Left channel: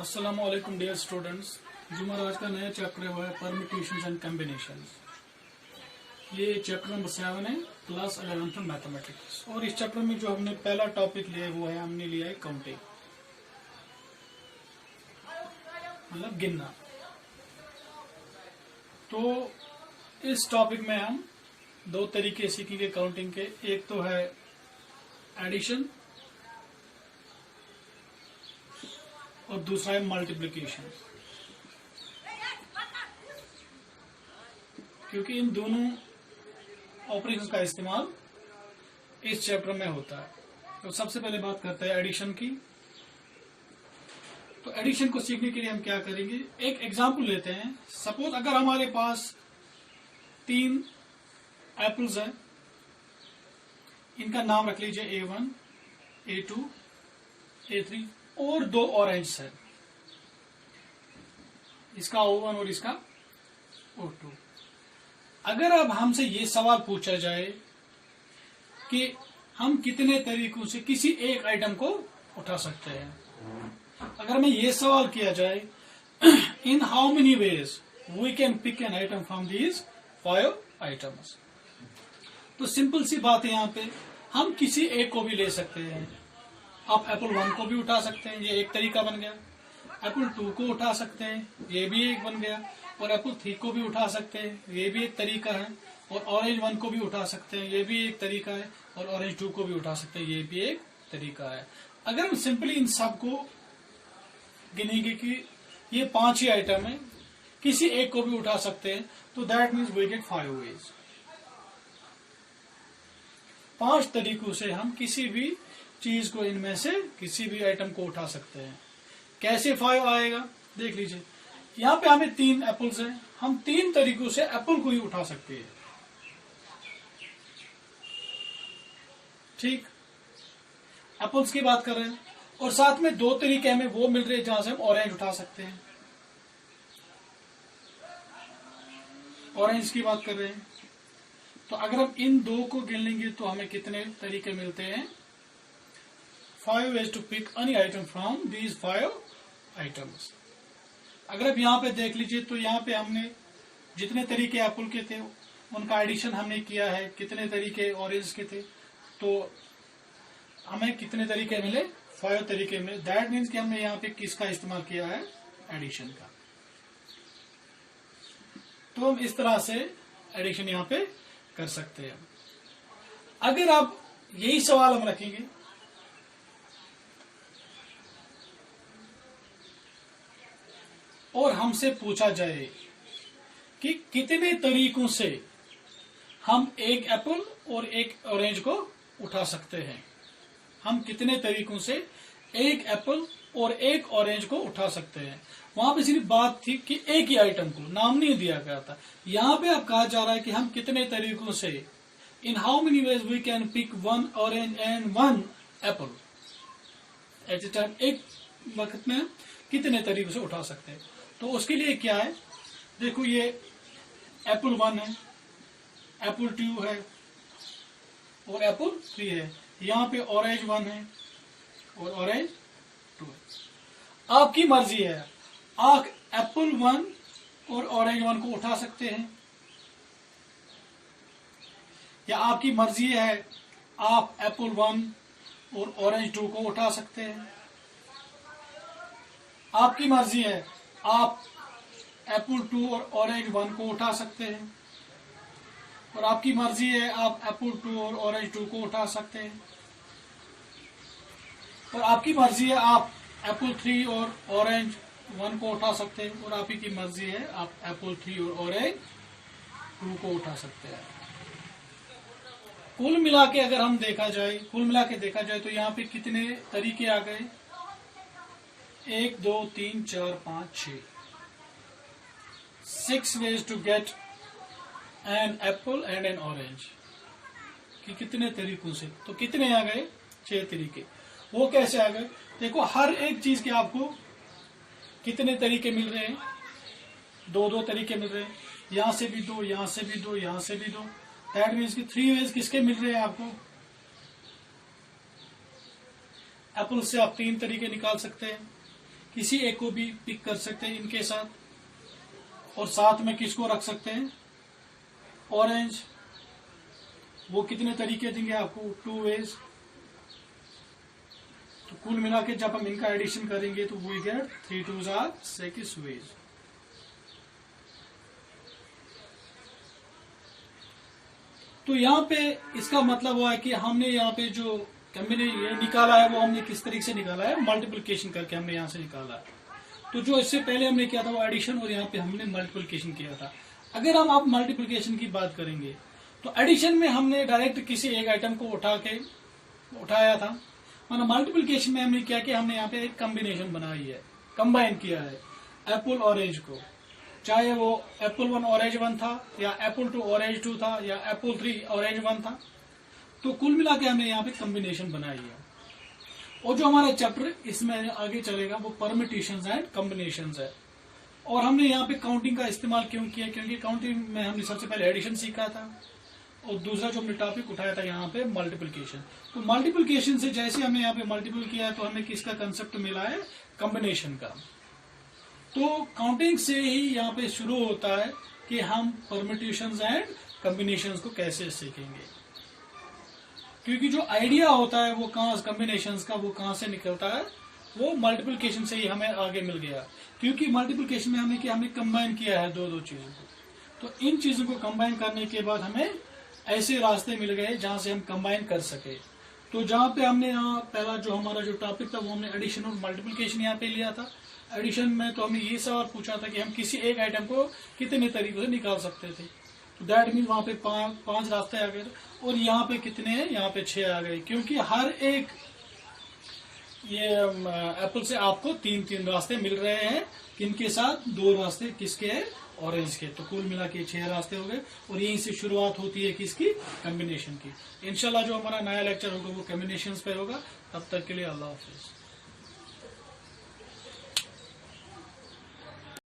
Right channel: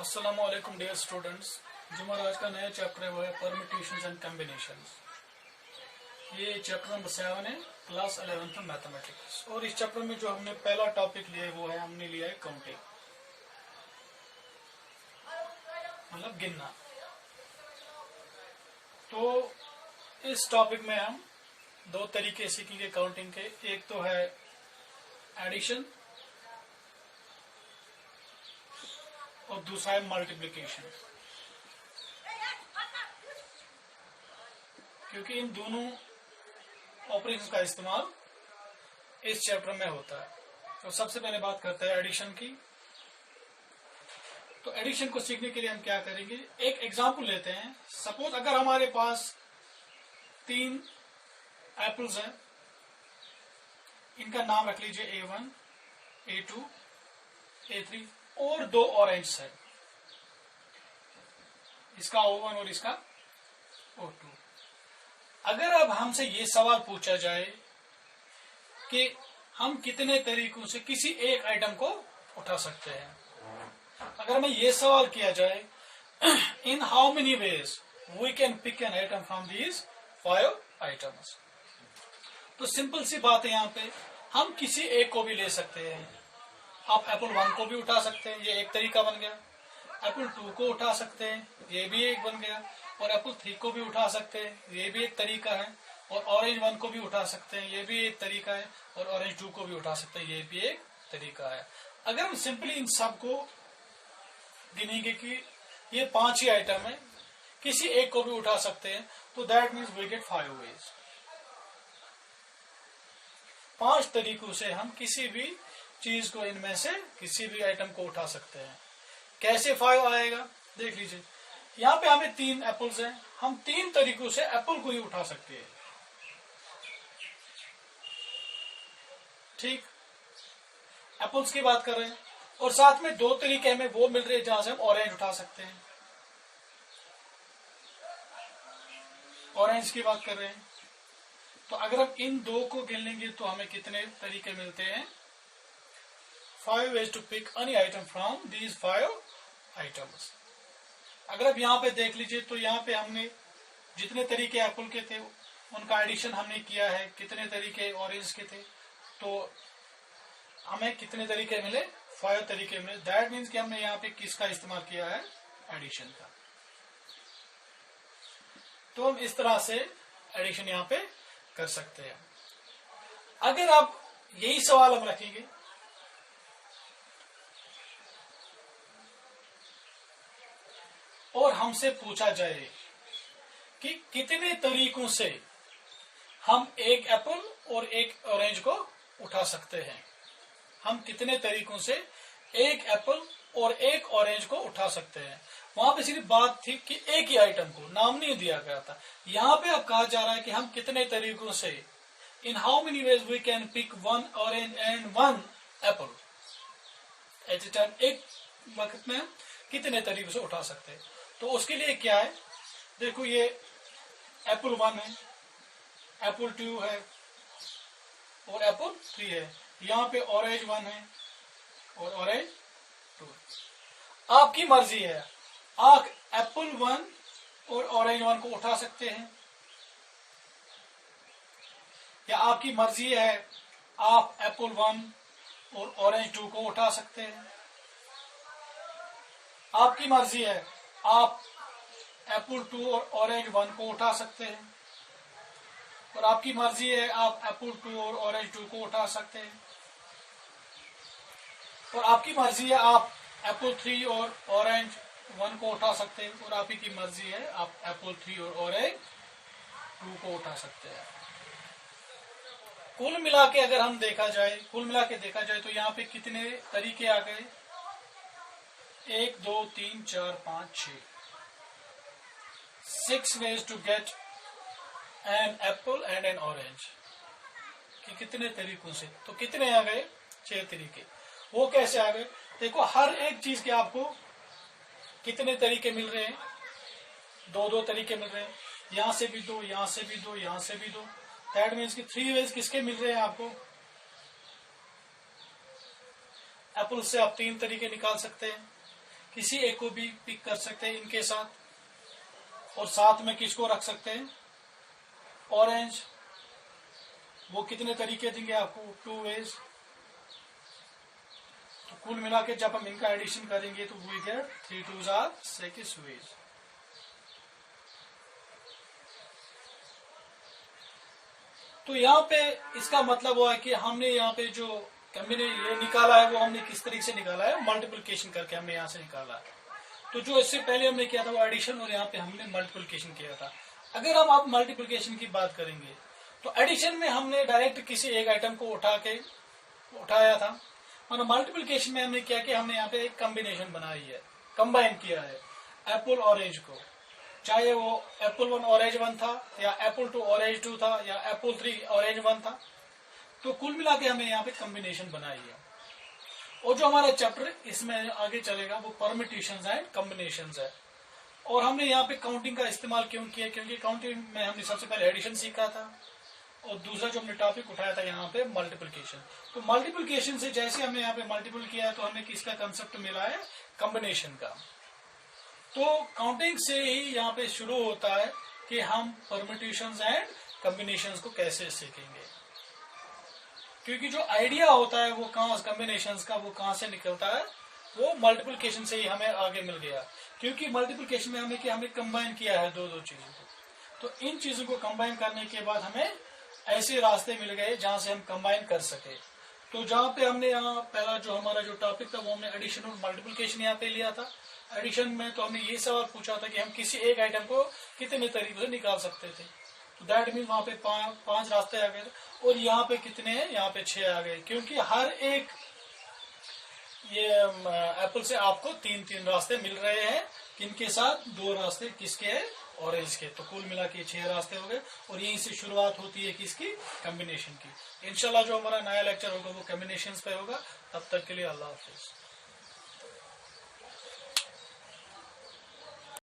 अस्सलामु अलैकुम dear students. जो हमारा आज का नया चैप्टर है वो है परम्यूटेशंस एंड कॉम्बिनेशंस। ये चैप्टर नंबर 7 है, क्लास 11th में मैथमेटिक्स। और इस चैप्टर में जो हमने पहला टॉपिक लिया है वो है, हमने लिया है काउंटिंग, मतलब गिनना। तो इस टॉपिक में हम दो तरीके सीखेंगे काउंटिंग के। एक तो है एडिशन और दूसरा है मल्टीप्लिकेशन, क्योंकि इन दोनों ऑपरेशंस का इस्तेमाल इस चैप्टर में होता है। तो सबसे पहले बात करते हैं एडिशन की। तो एडिशन को सीखने के लिए हम क्या करेंगे, एक एग्जांपल लेते हैं। सपोज अगर हमारे पास 3 एप्पल्स हैं, इनका नाम रख लीजिए A1, A2, A3 और 2 ऑरेंज है, इसका O1 और इसका O2। अगर अब हमसे ये सवाल पूछा जाए कि हम कितने तरीकों से किसी एक आइटम को उठा सकते हैं, अगर हमें ये सवाल किया जाए in how many ways we can pick an item from these 5 items, तो सिंपल सी बात है, यहाँ पे हम किसी एक को भी ले सकते हैं। आप एप्पल 1 को भी उठा सकते हैं, ये एक तरीका बन गया। एप्पल 2 को उठा सकते हैं, ये भी एक बन गया। और एप्पल 3 को भी उठा सकते हैं, ये भी एक तरीका है। और ऑरेंज 1 को भी उठा सकते हैं, ये भी एक तरीका है। और ऑरेंज 2 को भी उठा सकते हैं, ये भी एक तरीका है। अगर हम सिंपली इन सब को गिनेंगे कि ये 5 ही आइटम है, किसी एक को भी उठा सकते हैं, तो that means we get 5 ways. 5 तरीकों से हम किसी भी चीज को, इनमें से किसी भी आइटम को उठा सकते हैं। कैसे 5 आएगा देख लीजिए। यहाँ पे हमें 3 एप्पल्स हैं, हम 3 तरीकों से एप्पल को ही उठा सकते हैं। ठीक, एप्पल्स की बात कर रहे हैं। और साथ में 2 तरीके हमें वो मिल रहे हैं जहां से हम ऑरेंज उठा सकते हैं। ऑरेंज की बात कर रहे हैं, तो अगर हम इन 2 को गिन लेंगे तो हमें कितने तरीके मिलते हैं, 5 ways to pick any item from these 5 items। अगर आप यहाँ पे देख लीजिए तो यहाँ पे हमने जितने तरीके एप्पल के थे उनका एडिशन हमने किया है, कितने तरीके ऑरेंज के थे, तो हमें कितने तरीके मिले, 5 तरीके मिले। दैट मीन्स कि हमने यहाँ पे किसका इस्तेमाल किया है, एडिशन का। तो हम इस तरह से एडिशन यहाँ पे कर सकते हैं। अगर आप यही सवाल हम रखेंगे और हमसे पूछा जाए कि कितने तरीकों से हम एक एप्पल और एक ऑरेंज को उठा सकते हैं, हम कितने तरीकों से एक एप्पल और एक ऑरेंज को उठा सकते हैं। वहां पे सिर्फ बात थी कि एक ही आइटम को, नाम नहीं दिया गया था। यहाँ पे अब कहा जा रहा है कि हम कितने तरीकों से, in how many ways we can pick 1 orange and 1 apple at a time, एक वक्त में कितने तरीकों से उठा सकते हैं। तो उसके लिए क्या है, देखो ये एप्पल 1 है, एप्पल 2 है और एप्पल 3 है। यहाँ पे ऑरेंज 1 है और ऑरेंज 2 है। आपकी मर्जी है, आप एप्पल 1 और ऑरेंज 1 को उठा सकते हैं, या आपकी मर्जी है आप एप्पल 1 और ऑरेंज 2 को उठा सकते हैं। आपकी मर्जी है आप एप्पल 2 और ऑरेंज 1 को उठा सकते हैं, और आपकी मर्जी है आप एप्पल 2 और ऑरेंज 2 को उठा सकते हैं, और आपकी मर्जी है आप एप्पल 3 और ऑरेंज 1 को उठा सकते हैं, और आप ही की मर्जी है आप एप्पल 3 और ऑरेंज 2 को उठा सकते हैं। कुल मिला के अगर हम देखा जाए, कुल मिला के देखा जाए तो यहाँ पे कितने तरीके आ गए, 1 2 3 4 5 6 ways to get an apple and an orange, कि कितने तरीकों से, तो कितने आ गए, 6 तरीके। वो कैसे आ गए, देखो हर एक चीज के आपको कितने तरीके मिल रहे हैं, 2 तरीके मिल रहे हैं, यहां से भी 2, यहां से भी 2, यहां से भी 2। दैट मीन्स कि 3 वेज किसके मिल रहे हैं आपको, एप्पल से आप 3 तरीके निकाल सकते हैं, किसी एक को भी पिक कर सकते हैं इनके साथ, और साथ में किसको रख सकते हैं, ऑरेंज। वो कितने तरीके देंगे आपको, 2 वेज। तो कुल मिला के जब हम इनका एडिशन करेंगे तो we get 3 2s are 6 veg. तो यहाँ पे इसका मतलब हुआ है कि हमने यहाँ पे जो कॉम्बिनेशन ये निकाला है वो हमने किस तरीके से निकाला है, मल्टीप्लिकेशन करके हमने यहाँ से निकाला है। तो जो इससे पहले हमने किया था वो एडिशन, और यहाँ पे हमने मल्टीप्लिकेशन किया था। अगर हम आप मल्टीप्लिकेशन की बात करेंगे तो एडिशन में हमने डायरेक्ट किसी एक आइटम को उठाया था, और मल्टीप्लिकेशन में हमने क्या किया, हमने यहाँ पे एक कॉम्बिनेशन बनाई है, कंबाइन किया है एप्पल ऑरेंज को, चाहे वो एप्पल 1 ऑरेंज 1 था, या एप्पल 2 ऑरेंज 2 था, या एप्पल 3 ऑरेंज 1 था। तो कुल मिला के हमने यहाँ पे कॉम्बिनेशन बनाई है। और जो हमारा चैप्टर इसमें आगे चलेगा वो परम्यूटेशंस एंड कॉम्बिनेशंस है। और हमने यहाँ पे काउंटिंग का इस्तेमाल क्यों किया, क्योंकि काउंटिंग में हमने सबसे पहले एडिशन सीखा था, और दूसरा जो हमने टॉपिक उठाया था यहाँ पे मल्टीप्लिकेशन। तो मल्टीप्लिकेशन से जैसे हमने यहाँ पे मल्टीपल किया है तो हमें किसका कंसेप्ट मिला है, कॉम्बिनेशन का। तो काउंटिंग से ही यहाँ पे शुरू होता है कि हम परम्यूटेशंस एंड कॉम्बिनेशंस को कैसे सीखेंगे, क्योंकि जो आइडिया होता है वो कॉम्बिनेशंस का वो कहाँ से निकलता है, वो मल्टीप्लिकेशन से ही हमें आगे मिल गया। क्योंकि मल्टीप्लिकेशन में हमने कंबाइन किया है दो चीजों को, तो इन चीजों को कंबाइन करने के बाद हमें ऐसे रास्ते मिल गए जहां से हम कंबाइन कर सके। तो जहां पे हमने यहाँ पहला जो हमारा जो टॉपिक था वो हमने एडिशन और मल्टीप्लिकेशन यहाँ पे लिया था। एडिशन में तो हमने ये सवाल पूछा था कि हम किसी एक आइटम को कितने तरीकों से निकाल सकते थे, तो दैट मीन वहां पे 5 रास्ते आ गए, और यहाँ पे कितने हैं, यहाँ पे 6 आ गए, क्योंकि हर एक ये एप्पल से आपको 3 रास्ते मिल रहे हैं, किनके साथ 2 रास्ते किसके हैं, ऑरेंज के। तो कुल मिला के 6 रास्ते हो गए, और यहीं से शुरुआत होती है किसकी, कॉम्बिनेशन की। इंशाल्लाह जो हमारा नया लेक्चर होगा वो कॉम्बिनेशंस पे होगा। तब तक के लिए अल्लाह हाफिज।